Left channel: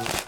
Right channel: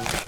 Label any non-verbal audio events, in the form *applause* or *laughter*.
Thank *laughs* you.